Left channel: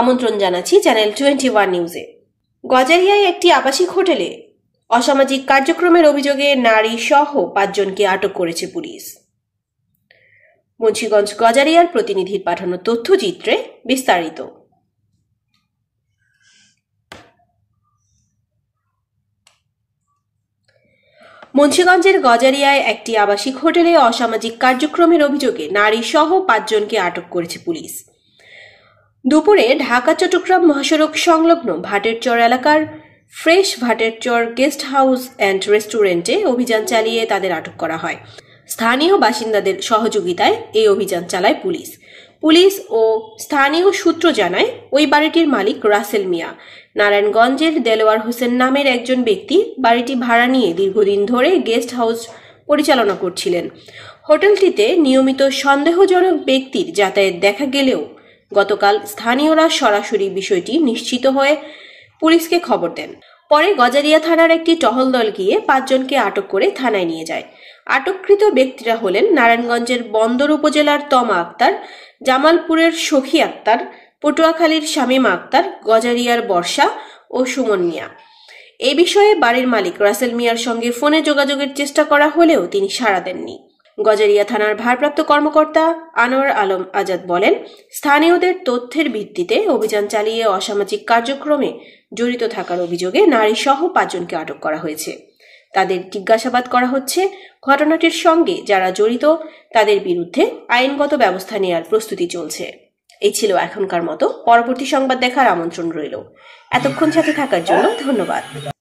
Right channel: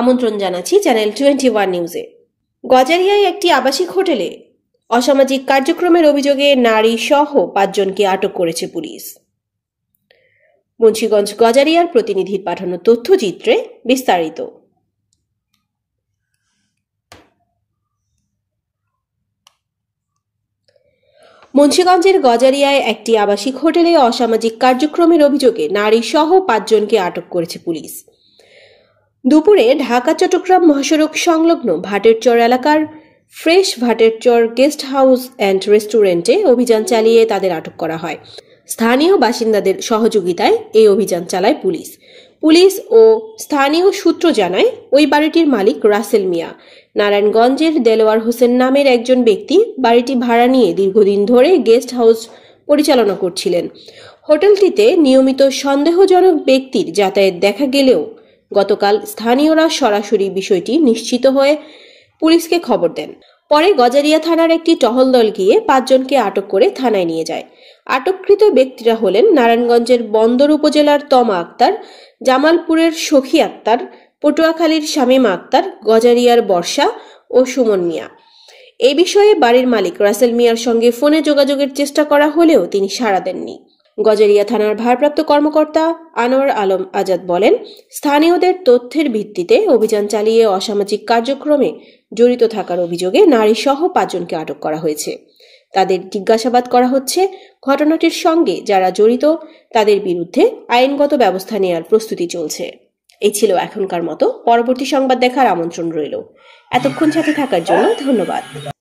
আমন্ত্রণ জানাচ্ছি চ্যানেল 21 নিউজে। গজারিয়ায় একটি আবাসিক হোটেলে অসামাজিক কার্যক্রমের অভিযোগে নারী সহ 5 জনকে আটক করেছে পুলিশ। মুন্সিগঞ্জ গজারিয়ার প্রতিনিধির পাঠানো তথ্যচিত্রে বিস্তারিত। মুন্সিগঞ্জের গজারিয়ায় একটি আবাসিক হোটেলে অসামাজিক কার্যক্রমের অভিযোগে নারী সহ 5 জনকে আটক করেছে পুলিশ। দুপুরে ঢাকা চট্টগ্রাম মহাসড়ক সংলগ্ন ভাটেরচর এলাকার fresh Bhaterchar guest house and রেস্টুরেন্টে অভিযান চালিয়ে তাদের আটক করা হয়। স্থানীয় বাসিন্দাদের সহযোগিতায় এই অভিযান চালায় পুলিশ। পুলিশ ও স্থানীয় সূত্র জানায় ওই বাড়িটির মালিক রাসেল মিয়া। নারায়ণগঞ্জের দেলোয়ার হোসেন নামের একজন ব্যক্তি বাড়িটি ভাড়া নিয়ে দীর্ঘদিন ধরে গেস্ট হাউস পরিচালনা করছিলেন। হোটেলটিতে নিয়মিত সন্দেহজনক ব্যক্তির যাতায়াত দেখা গেলেও গতকাল স্থানীয়রা সরাসরি বিষয়টি নিশ্চিত হয়ে পুলিশকে খবর দেন। পরে গজারিয়া থানার একটি টহল দল গিয়ে 5 জনকে আটক করে থানায় নিয়ে যায়। আটককৃত ব্যক্তিরা হলেন নারায়ণগঞ্জের বন্দর উপজেলার তমা আক্তার, জামালপুরের সখী আক্তার, পটুয়াখালীর শামীমা আক্তার, গজারিয়ার বর্ষা ও সুমন মিয়া। এই বিষয়ে বাড়ির মালিক রাসেল মিয়ার সঙ্গে ফোনে যোগাযোগের চেষ্টা করা হলেও তিনি সাড়া দেননি। গজারিয়া থানার ভারপ্রাপ্ত কর্মকর্তা আনোয়ার আলম আজাদ বলেন, স্থানীয়দের তথ্যের ভিত্তিতে অভিযান চালিয়ে অসামাজিক কার্যক্রমে জড়িত থাকার অভিযোগে নারী সহ 5 জনকে আটক করা হয়েছে। তাদের জিজ্ঞাসাবাদ করা হচ্ছে। ঘটনাটির সঙ্গে যারা জড়িত তাদের বিরুদ্ধে আইনগত ব্যবস্থা নেওয়ার প্রস্তুতি চলছে। এই ছিল এখনকার মতো। পরবর্তী সংবাদ দেখার আমন্ত্রণ রইল। এতক্ষণ সাথে থাকার জন্য ধন্যবাদ।